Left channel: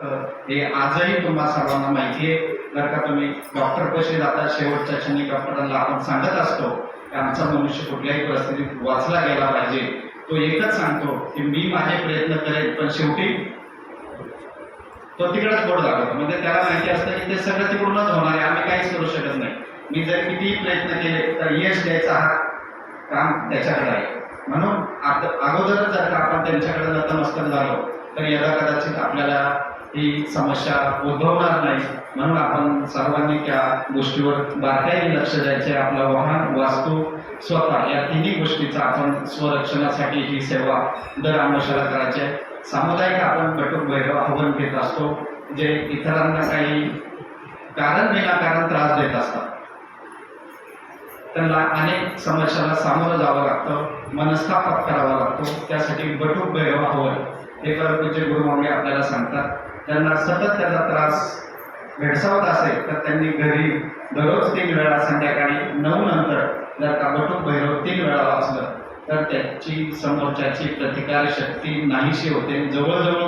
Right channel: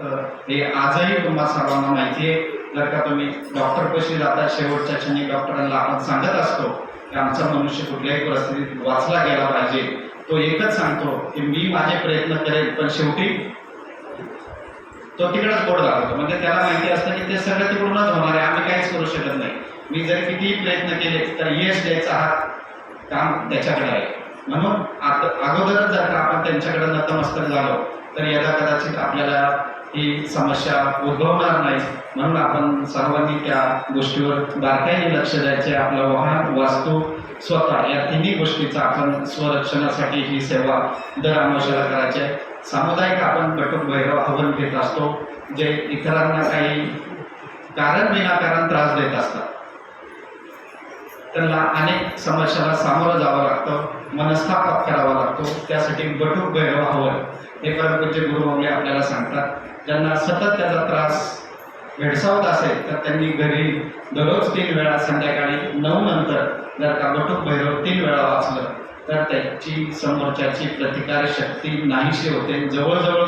हे आजही तुम्हा सर्वांना माहिती आहे. जर का तुम्ही डॉक्टर कशी जाता शेवटच्या क्षणी डॉक्टरांना आपण सांगत असतो की आमचा मनुष्य कुठल्याही परिस्थितीत वाचला गेला पाहिजे. तो एकच सांगतो की मी माझे प्रयत्न करेन पण शेवटी तो तिकडेच बोर्ड लागतो. म्हणजे त्याला माहिती असतं की ते सगळं तिकडूनच होणार आहे. आम्ही काहीच करू शकत नाही. मी जर कितीही प्रयत्न केले तर यश द्यायचा हा काम त्याच्याकडे आहे. म्हणून आता अगोदरच जर का आपण त्यांच्याकडे नतमस्तक झालो तर यदा कदाचित आपल्याला ही समस्या उद्भवणार नाही. म्हणून आपण सर्वांनी त्या गोष्टीवर बारकाईने लक्ष द्यायचे. आपलं वाहन वास्तू स्वतः या तिन्ही गोष्टीचा आपण स्वरक्षणासाठी ही सेवा दर आमोशाला करायची आहे. सामुदायिक आपण बटुक भैरव आव्हान घेत असतो जे इतरांना काही कारण विनाकारण त्रास देत असतात. त्यांना अनेक समस्यांना सामोरं जावं लागतं मनस्ताप करावा लागतो. त्यासाठी बटूक भैरव हवं हे परमपूज्य गुरुमावली आपल्याला सांगतात. ज्यांना सतत त्याचा त्रास भेडसावत असेल तर त्यांनी घरी दररोज तीन वेळा संध्याकाळी नऊ नंतर जर का बटूक भैरव तीन वेळा वाचलं तर त्याची समोरच्याची प्रतिकार शक्ती नाहीशी होते. जवळजवळ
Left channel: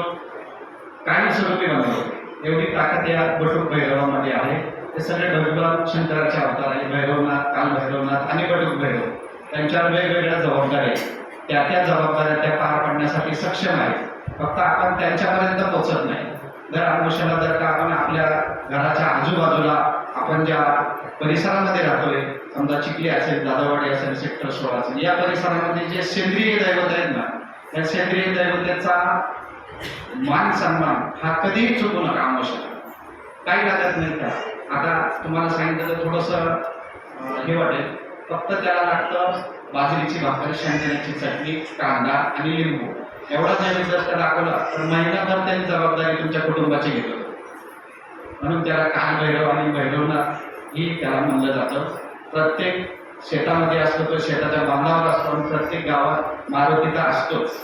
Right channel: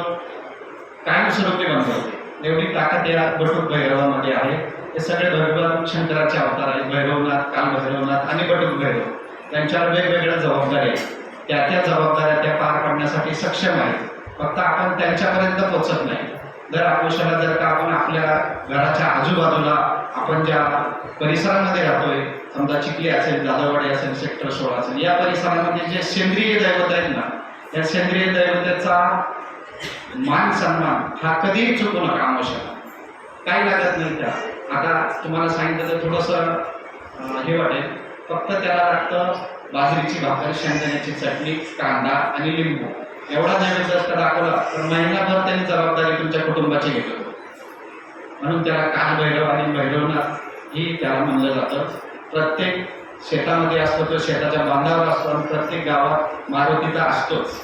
कायमस्वरूपी बंद होते. एवढी ताकद या बटूक भैरवामध्ये आहे. हे सगळे भगवान शंकराचे अवतार आहेत. भैरवनाथ काल भैरवनाथ आणि बटूक भैरव. त्यांच्यावर वेगवेगळ्या जबाबदाऱ्या आहेत. त्या त्या जबाबदाऱ्या त्या पार पाडण्यासाठी सक्षम आहेत. फक्त आपण त्यांच्यापर्यंत पोचत नाही. जर आयुष्याला जर का आपण आपल्या घराच्या आजूबाजूला आपण ज्या परिसरामध्ये राहतोय समजा चिखली असेल दादावाडी असेल सेक्टर सोळा असेल या परिसरामध्ये जे सेंद्रिय दैवत आहेत ना या सेंद्रिय दैवतेचा मान सन्मान हा कधीही चुकू नका आयुष्याला काही लागत नाही त्या. आता तुम्हाला सांगितलं तर थोडंसं हे वाटेल. फक्त त्याला लागतं बाजरीची भाकर शेंगदाण्याची चटणी कांदा आणि लिंबू. एवढा नैवेद्य जर दाखवला? तर महिनाभर त्यांनी जबाबदारी तुमच्या कुटुंबाची घेतो म्हणून त्याला कान भैरव आणि भैरवनाथ ही त्याला म्हणलं जातं. प्रत्येक शेतामध्ये असतो तो शेताच्या बांधावर असतो आणि प्रत्येक गावात मारुतीचा असतोच.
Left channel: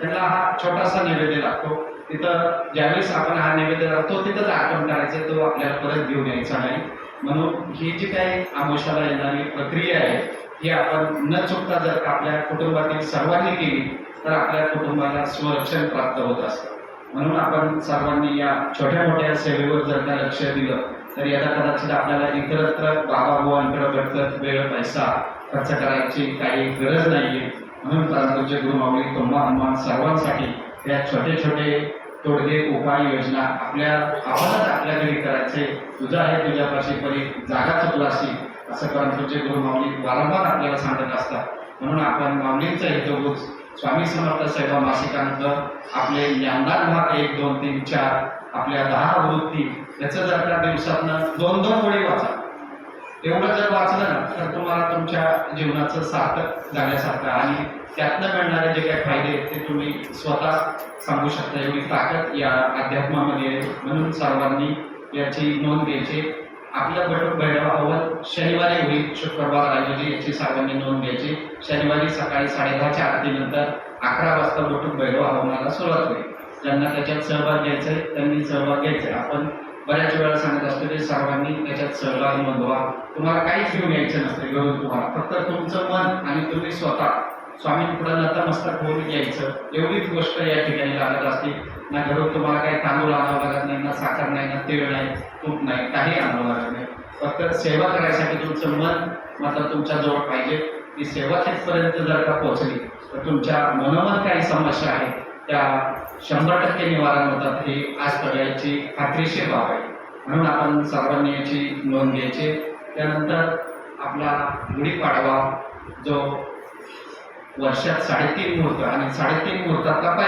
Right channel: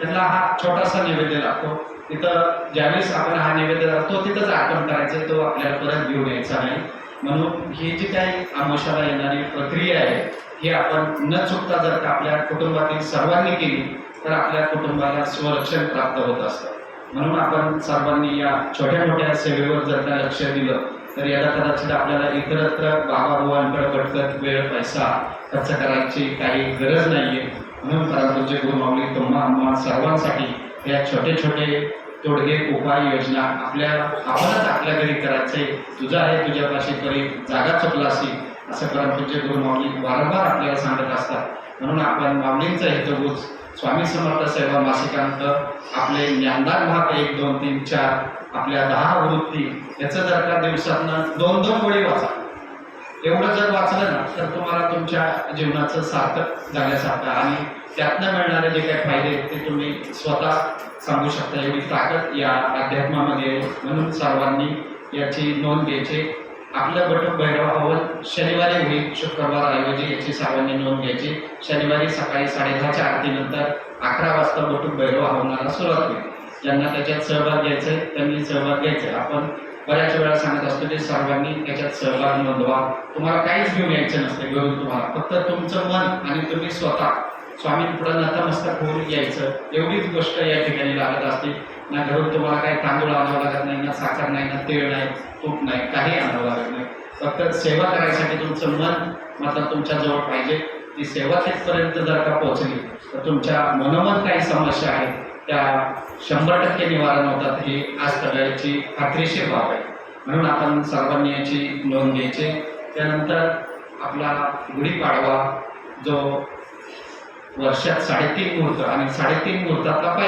त्यांना हा छोटासा नैवेद्य लागतो. तिथं ज्यावेळेस आपण हा नैवेद्य लागतो तिथंच आठवण करायचं तो आपल्याला परत घेऊन यायचा नाही. म्हणून ही जी काही आमोशाला येणारी प्रक्रिया आहे ही आपण न चुकता जर आपल्या कुटुंबातील सर्वांनी केली तर आपल्या कुटुंबाला स्वरक्षण प्राप्त होत असतं. म्हणून आपण सर्वांनी या छोट्या मोठ्या सेवेवर जर का लक्ष दिलं तर याला कदाचित आपल्याला इतरत्र बाबाबुवांकडे भटकत वेळ पैसा खर्च करायची काही गरज नाहीये. म्हणून परंतुचे गुरुमावली तुम्हा आम्हा सर्वांसाठी या छोटे छोटे तोडगे उपाय योजना आपल्या आपणच आपल्या घरी करायचे. तुझा आहे तुझ्यापाशी परी जागा चुकलासी असं परंतुचे गुरुमावली वारंवार आपल्याला सांगत असतात. म्हणून आपण माऊलींचा हेतुभूत स्वामी समर्थ सेवा मासिकांत आपले ज्ञानदार भाग एक दोन तीन चार आपल्या दहा आवृत्ती याचं जर त्या दिवसातनं दोन दोन गोळी वाचा. एवढं जर वाचलं ना तर तुम्हाला तुमच्या जीवनाचं सार्थक झाल्यासारखं आणि त्यातनं मिळणारे जे काही फायदे आहेत ते तुम्ही स्वतः सांगू शकता. एवढी ताकद या अध्यात्मामध्ये म्हणून सर्वांनी याची नोंद घ्यायची. आपलं बटुक भैरव हवन शनिवारी होईल शुक्रवार ऐवजी याची सर्वांनी नोंद घ्यायची. शनिवारी सकाळी साडेदहाच्या आरतीनंतर अकरा वाजता बटुक भैरव हवनाला सुरुवात होईल. ज्यांना त्याच्यात सहभाग घ्यायचा आहे त्यांनी सहभाग घ्यायचा आहे. आपण बऱ्याच वेळा सांगत असतो की सर्वांनी त्याच्यात सहभाग नोंदवा. तुम्हाला काहीच घेऊन यायचं नसतं घेऊन तुम्हाला. फक्त तुमचं मन आणि तुम्ही स्वतः. स्वामींपुढे नतमस्तक होऊन यायचं. एवढीच गोष्ट या ठिकाणी लागत असते. ना घरून तुम्हाला काही तांदूळ आणावं लागत नाही ना साखर नाही ना तीळ नाही तूप नाही काही आणावं लागत नाही। फक्त सेवा करायसाठी तुमचं मन मात्र तुमच्या जवळ पाहिजे. ती सेवा तिथपर्यंत जर का पोहोचली तर तुमच्या मनोमन काही समस्या आहेत त्या शंभर टक्के निवारण होतात हे आज सगळ्याची खात्रीशीर बाब आहे. म्हणून आपण सर्वांनी याची नोंद घ्यायची. त्यानंतर आपला गुढीपाडवा जो वर्षात साडेतीन मुहूर्त आणि साडेतीन मुहूर्तातला पहिला